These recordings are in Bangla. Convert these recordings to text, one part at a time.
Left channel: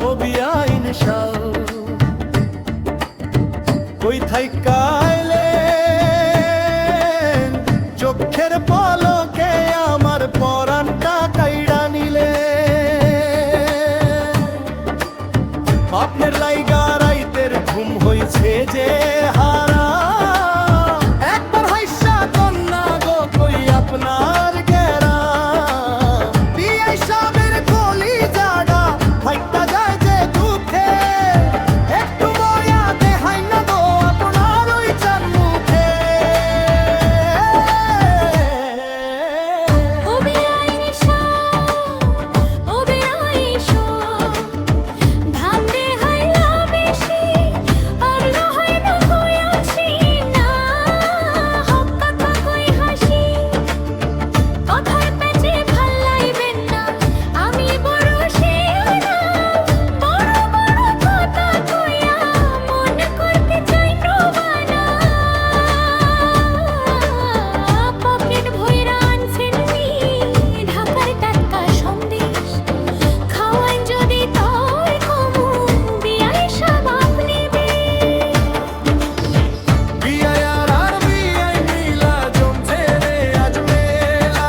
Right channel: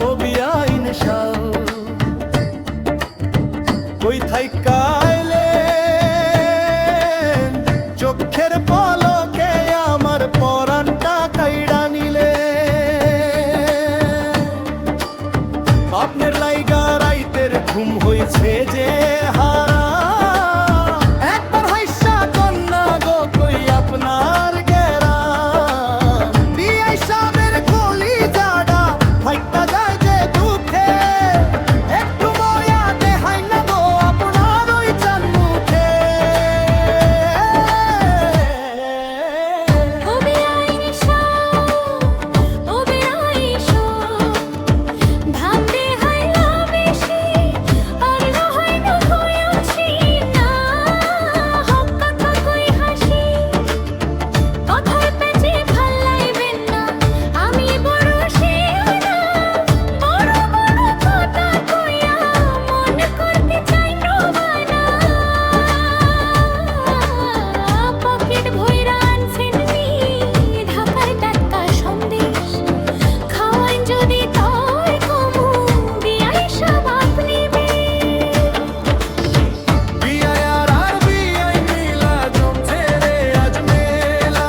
ও বিআইন শাহ কই থাইকাইলেন চোখের পলকে আমার পরাণটা কাইড়া নিলে আপনার লাইগা রাইতের ঘুম হইছে যে হারা একবার হাইসা কন্যা গো কই আপনার গেরা বিআই সাহেবের কলি জাডা ফাইটা যায় যে দুঃখে একটু ময়া দেখাই না গো আপনার ওই চান মুখে ও বিআইন শাহ ও বিআইন শাহ ধাম দে হাইলা বেশি আর লহাই না কইছি না হক কথা কই হাসি কথার পেছে ভাল লাইবেন না আমি বড় শিওনা বড় বড় কথা কইয়া মন করতে চাই রবানা পকেট ভইরা আনছেন নি ঢাকার টাটকা সন্দেশ খাওয়ান যদি তয় কমু বিআই সাহেব আপনি বিআই আর বিআই মিলা জমছে রে আজ মেলা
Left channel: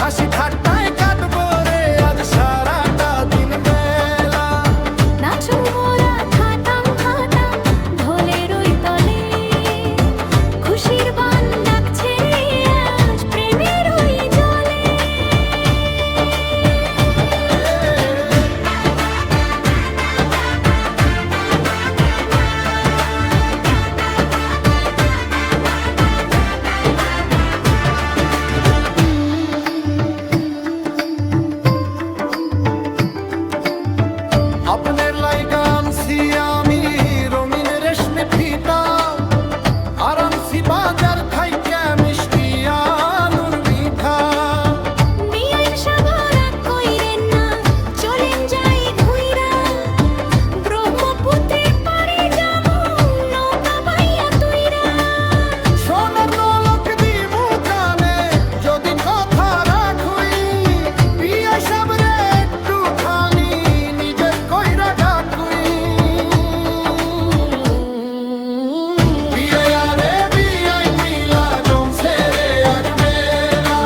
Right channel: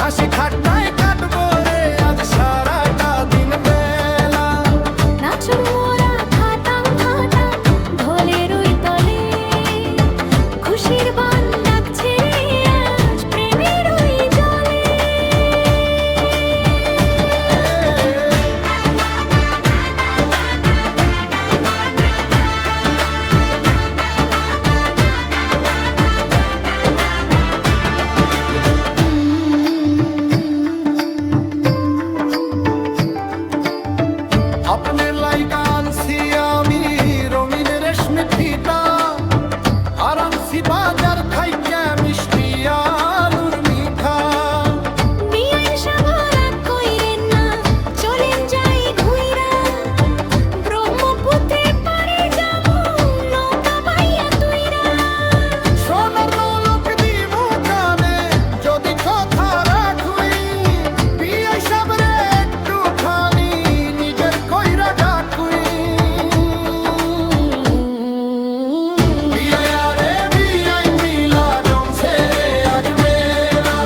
হাসি ঠাট্টায় কাটবো রে আজ সারাটা দিন বেলা নাচু মোরা খাতাম খাতাম ঢোলের ওই তলে খুশির বান ডাকছে রে আজ প্রেমের ওই জলে আপনার লাইগা আনছি আমি রঙিন রেশমি ফিতা আর আনছি বাজার খাইকা মিষ্টি আলুর মিঠা বিআইন সাহেব রাগ কইরেন না চলেন যাই ঘুইরা ব্রহ্মপুত্রে পাড়ে যাবো নৌকা বাইয়া তুইরা সোনার নলক দিমু কানে যদি কথা রাখুই বিআই সাবরে একটুখানি নিজের কইরা ডাকুই বিআই আরে বিআই মিলা জমছে রে আজ মেলা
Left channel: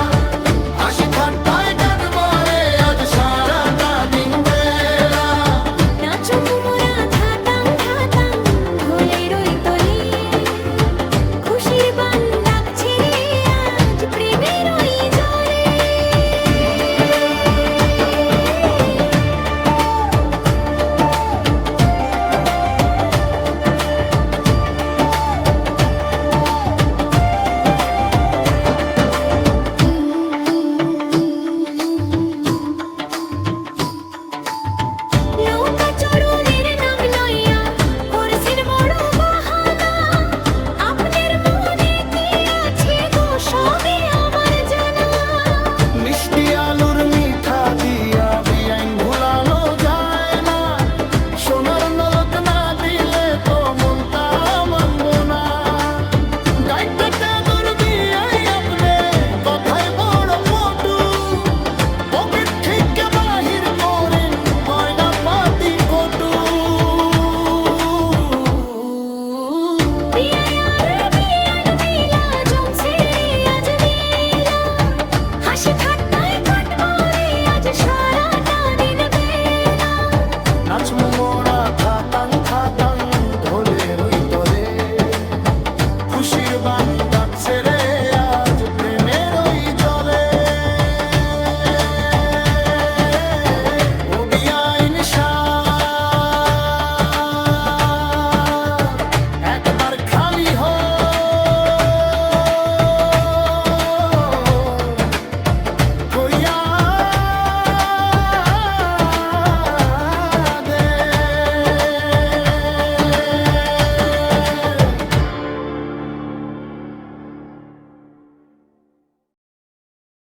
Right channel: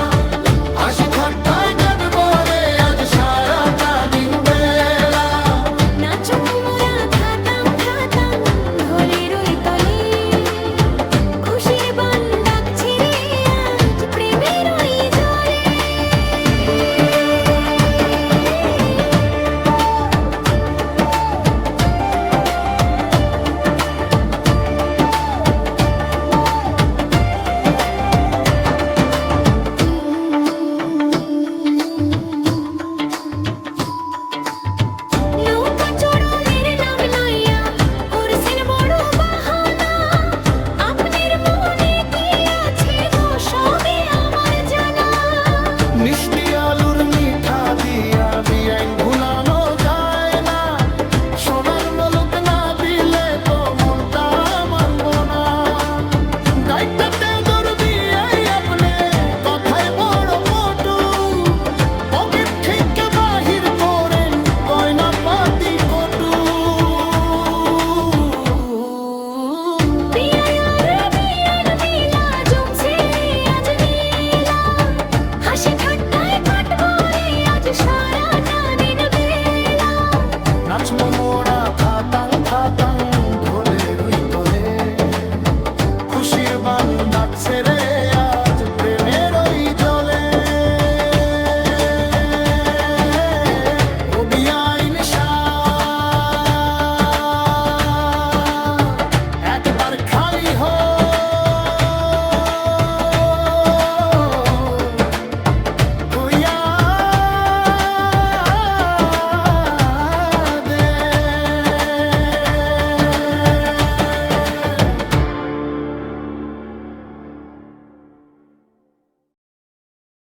হাসি ঠাট্টায় কাটবো রে আজ সারাটা দিন বেলা নাচু মোরা খাতাম খাতাম ঢোলের ওই তলে খুশির বান ডাকছে রে আজ প্রেমের ওই জলে নৌকা চড়ুইয়ের নাম লইয়া করছেন বড় বাহানা আপনার মনে কি আছে গো সবই আমার জানা মিষ্টি আলুর মিঠা দিয়া বিআইন ভুলানো যায় না সোনার নলক না দিলে তো মনটা মানবো না গাইতে দর বিআই আপনি কথায় বড় পটু পকেট থেকে বাহির করেন গয়না পাতি কটু বিআই আর বিআইন মিলা জমছে আজ মেলা হাসি ঠাট্টায় কাটবো রে আজ সারাটা দিন বেলা নাচমু মোর